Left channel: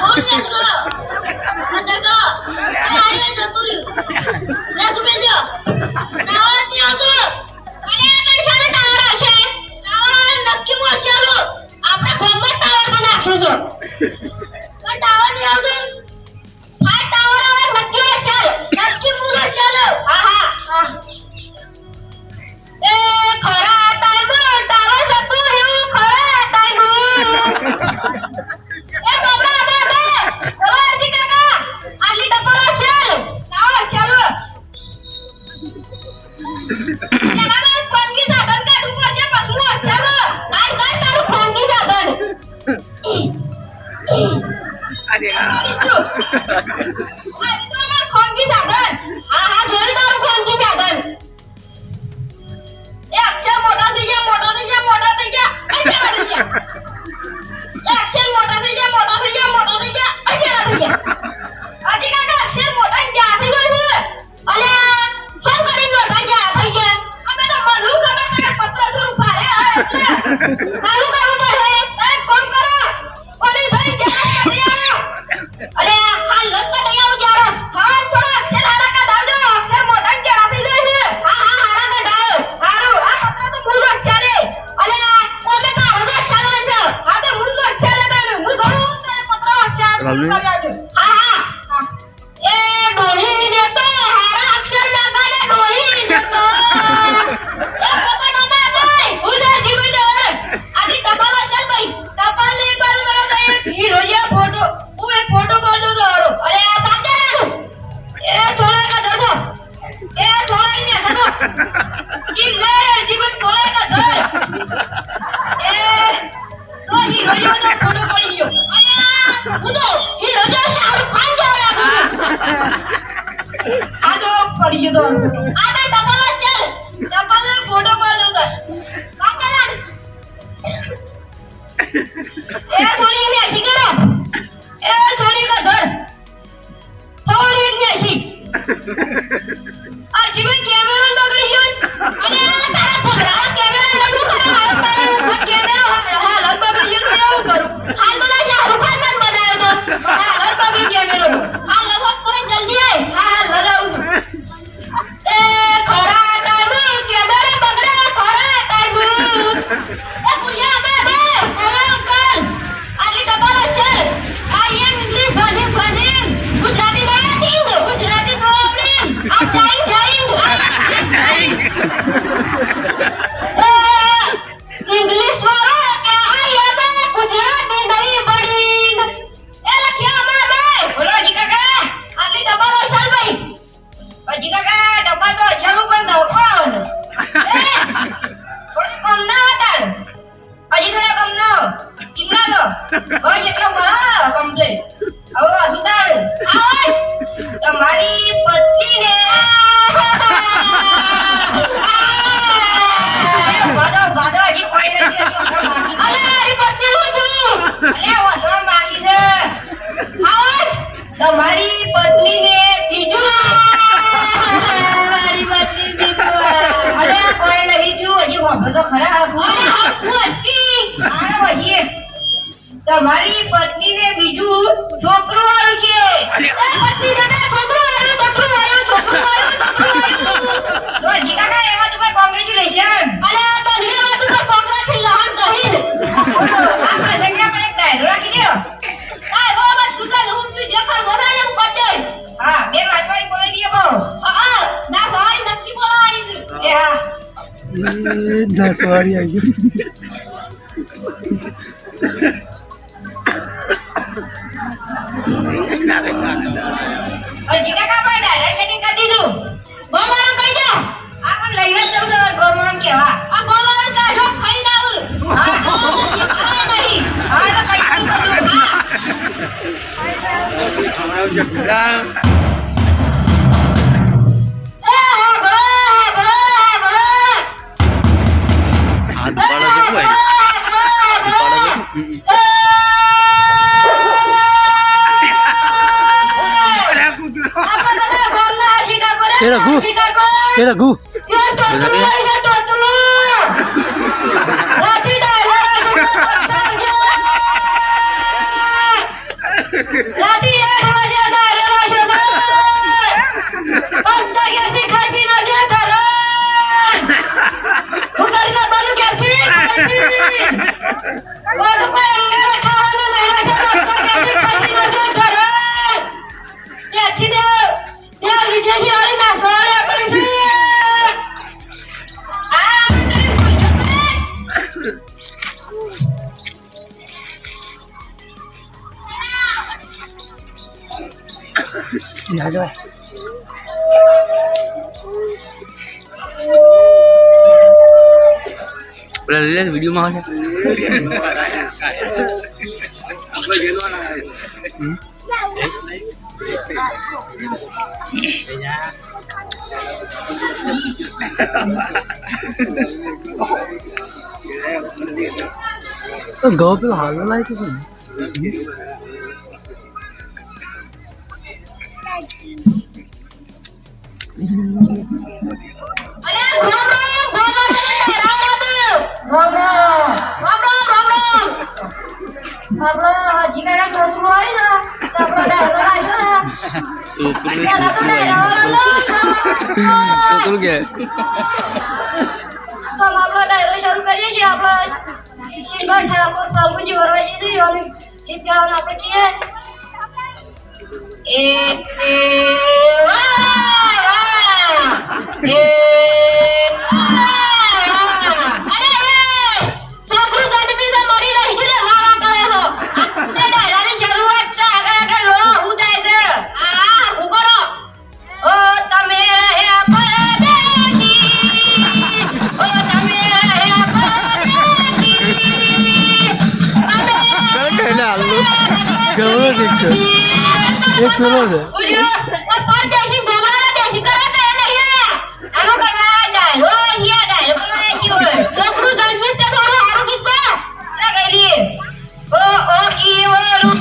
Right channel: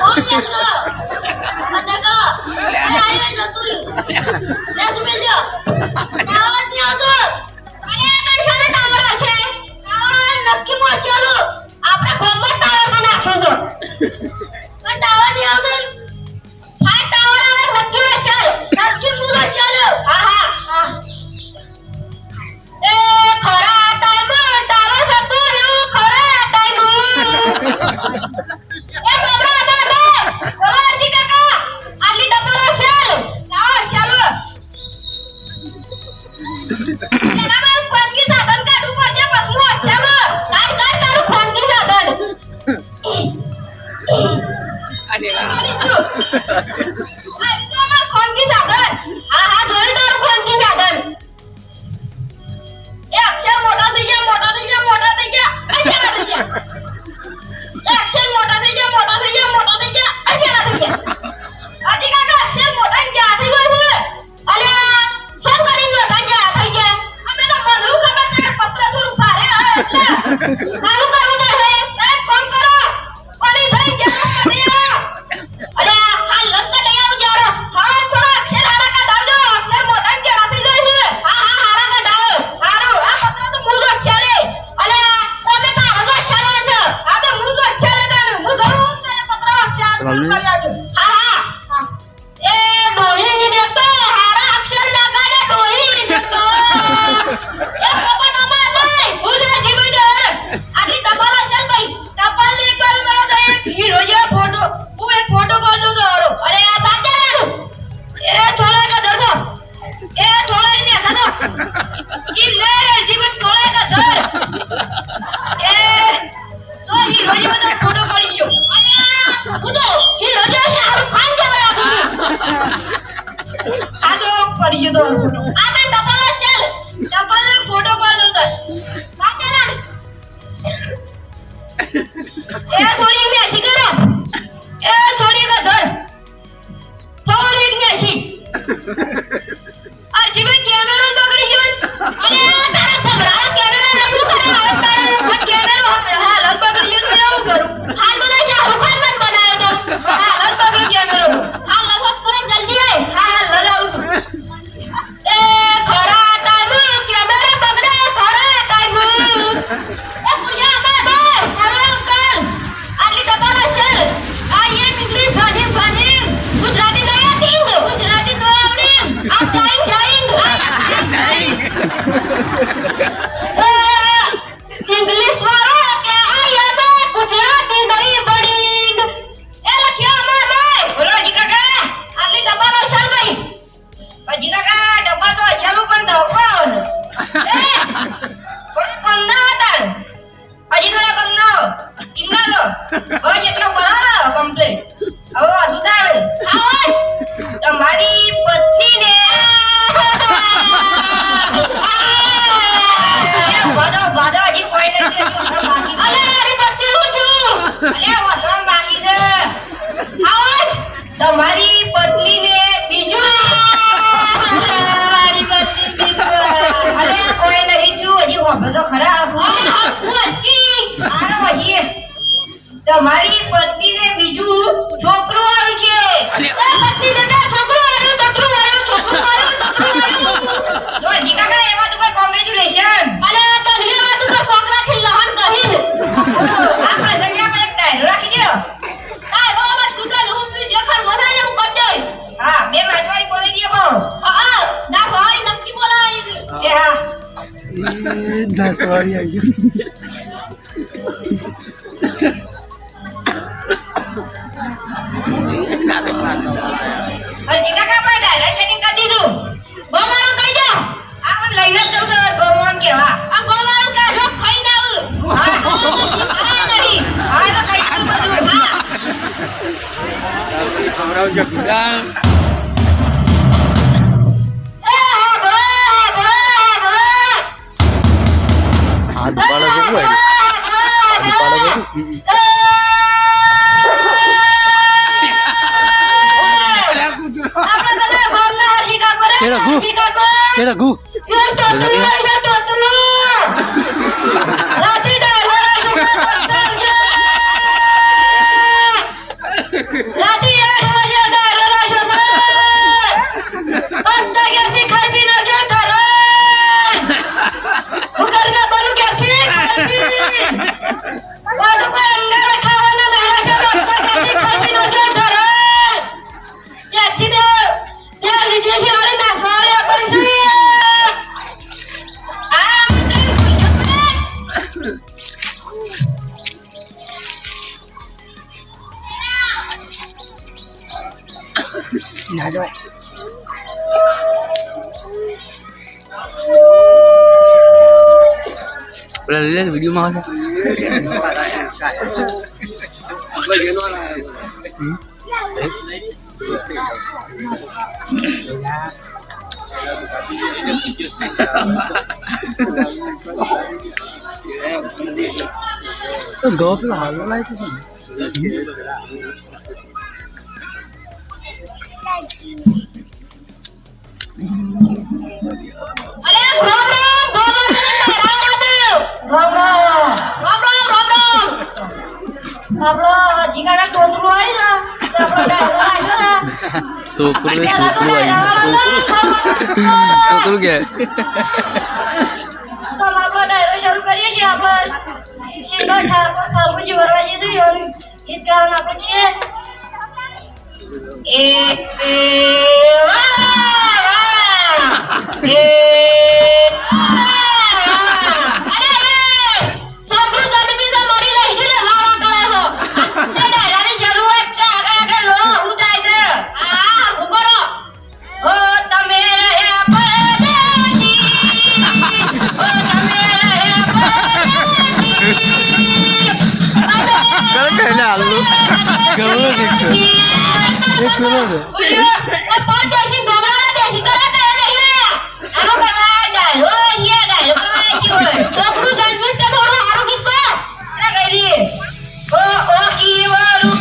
કોણ કેસ કરો અદા કરો એ આઈ જતું રહ્યું લે સુમેલ જો ટાવર ની આવતો અને આ શાને ટાવર છે ટાવર નક્કી મો ચાલો આપણે ગોમમાં ટાવર માં નાખો છો પણ ટાવર ની આવતો હા ટાવર આવે નક્કી મો ચાલ નક્કી મો ચાલો હા હા એ ખરા ટાઈમ ટાવર જતું રહ્યું ખરા ટાઈમ એ બાબરા બાબા ઓલા આજી કાકા આલી ડબલ ચાલ ચાલો ચાલો ખાનગી સાધન કાઢું પડશે પછું ચાલો કાઢ તારું ખાનગી સાધન અરે શું આ તો અમાર ખાનગી સાધન હા જોઈ તારું ખાનગી સાધન એ અક્ષર મોટા થઈ જા મોટા થઈ જા મોટા થઈ જા અજરા થઈ જા એ અક્ષર મોટા થઈ જા મોટા થઈ જા મોટા થઈ જા અજરા થઈ જા આજી કાકા અક્ષર મોટા જા થઈ ગયો છે અલે શું કરી લો જા થઈ ગયા અમે તો મને ખબર છે કે પત્ર થોડું ભારે એટલે મારું કામ તો છે એ ફોન કરો ઓલી થઈ જા અલે હાલ લત નહીં આવ જારો ફોન કરો અક્ષર હારા કા દાવજો અક્ષર મોટા જા થઈ ગયો છે હા હારા કા દાવ હારું આ પત્ર તો મૂળ ચાલે અલે તમે તારો તો ચાલે છે આ તો મૂળ ચાલે ને હું ઘણું તને પત્ર ચાલે કરી આવજો હા એ ડોળી ને તો હારા અક્ષર લગાડે ડોળી ને તો એ બાબા નો ભાઈ ઉધર જીવી દે આજી ટપાલ ચાલ ભાઈ ટપાલ ને એક બાર મને દે હીરો જે ફોટો હું એક ફોટો બોલ દઉં તો હારો અરે આ બાજે ના એ થોડા કા દરદો એ થોડા ને સદો ઈ લે જીવન થોડા કા દર એ તો હીરો જે તો ફોટો પડી ગયો અરે હું તો હીરો જે શાહરુખ ખાન જેવો લાગુ આ તો પડી ગયો તો આ તો ટપાલ ચાલ ટપાલ ને ફોટો પાડ દઉં તાર બાજે ના એ થોડી મેસી કરો એ થોડી કા ધર થોડી મેસી આ જીવન કેમેરો બગડી ગયો અરે તારા ખબરા કેમેરો શું કરે આ કેમેરો હાલ બગડી ગયો તો એવું કરું હાલ તો ના શાહરુખ ખાન મન બનાવ્યો તો હાલ બગડી કેમેરો હાલ લખસ કરે જલ્દી આય હાલ લગાવું છું એ ખરા ટાઈમ કેમેરો બગડે ખરા ટાઈમ એ પુરિયા બાબા ખરા કર આટલી ટપાલ ચાલ આ ઇંગ્લિશ ભાષી ગુજરાતી ના આવતી ગુજરાતી તો આવડી આ જાઈંગ ઇંગ્લિશ વાળો કે આયા બે ગુજરાતી નહીં બડી એ લખ્યો મામે બોલો જી કાકા આટલી ટપાલ ચાલ ભાઈ જી કાકા ટપાલ તો ચાલુ પણ દો કોણ એ કોણ કોમ ના હતા હજી થોડા કમ નો ટીમના નો હોય જેટલો બોલાવો કમ્પ્લીટ હવે આ સુધાર આવ તમારી પત્નીને વાડો વાડો હજી કોઈ નથી અરે મારી પત્ની હું છું અરે વાડો મારી છે આવ તમારી પત્નીને બીજું મારી પત્ની બીજું અરે કોઈ નહીં છું હજી વાડો તો ખરા હું અટકી આરો હજી તમારી પત્નીને બીજું છોકરું આવ્યું છે એ પત્નીને તો છોકરું આવ્યું જો જી કાકા એ વાત ઉપર કોંગ્રેચ્યુલેશન અલે તો એ વાત ઉપર કોંગ્રેચ્યુલેશન લહન કરી આપણે જગ્યા પર એક ડાયરો રાખી દો કાઈ હો બસ તું તો હું દેખાડ ગોદાને હું કરી દે હા બે વાતવાળી બોલી દે બહુ હા ના વાળી નક્કી બોલાવાની એ હા એ 10 વાળી આવી હજી કાકા પણ ડાયરેક્ટ સેટિંગ કરી દીધું ગોમાળો કહી દો આ કોણ લઈને જવું છે ગોમાળો કેવા આ ગોમાળો કા જો ખાઈ ના આવું હા નહીં હા તો કઈ તું બધું હા આદુ પાડો છે કોઈ આદુ પાડો છે तेरा गु Rati dah, કોઈ અંગારે ખાવાના નહીં છે ડોક્ટર કાજી ખસી નો જો ધરે ત્યાંથી દે ત્યાં લીધે છે અરે નાસવાડે આપણ છે આ મને ના જાય પેલા લે વિડિયો માં આવે તો ગો પેલો હાલો લાય તો છે અરે રામ આપણો હજી કાકા છોકરું આવી ને તો આપણો ડાયરો આવ્યો ને છોકરું કે તો આપણો ડાયરો શરૂ કરીએ છીએ આપણે સિંગર ઠાકોર ફાલ્ગુજી વરવાજી દીધું ગીત ગાવાનું આપણે કહીએ એ એક પેલો છે પરદેશી ભમરાના દેશી કરે તો નહીં આનો કરવા ડાયરો અહીંયા ડાયરો કરવા ગયો છોકરું જન્મે છે થોડું હારું ગીત ગા એટલે કરી ઓ કીવળું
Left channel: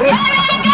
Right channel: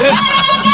Yeah!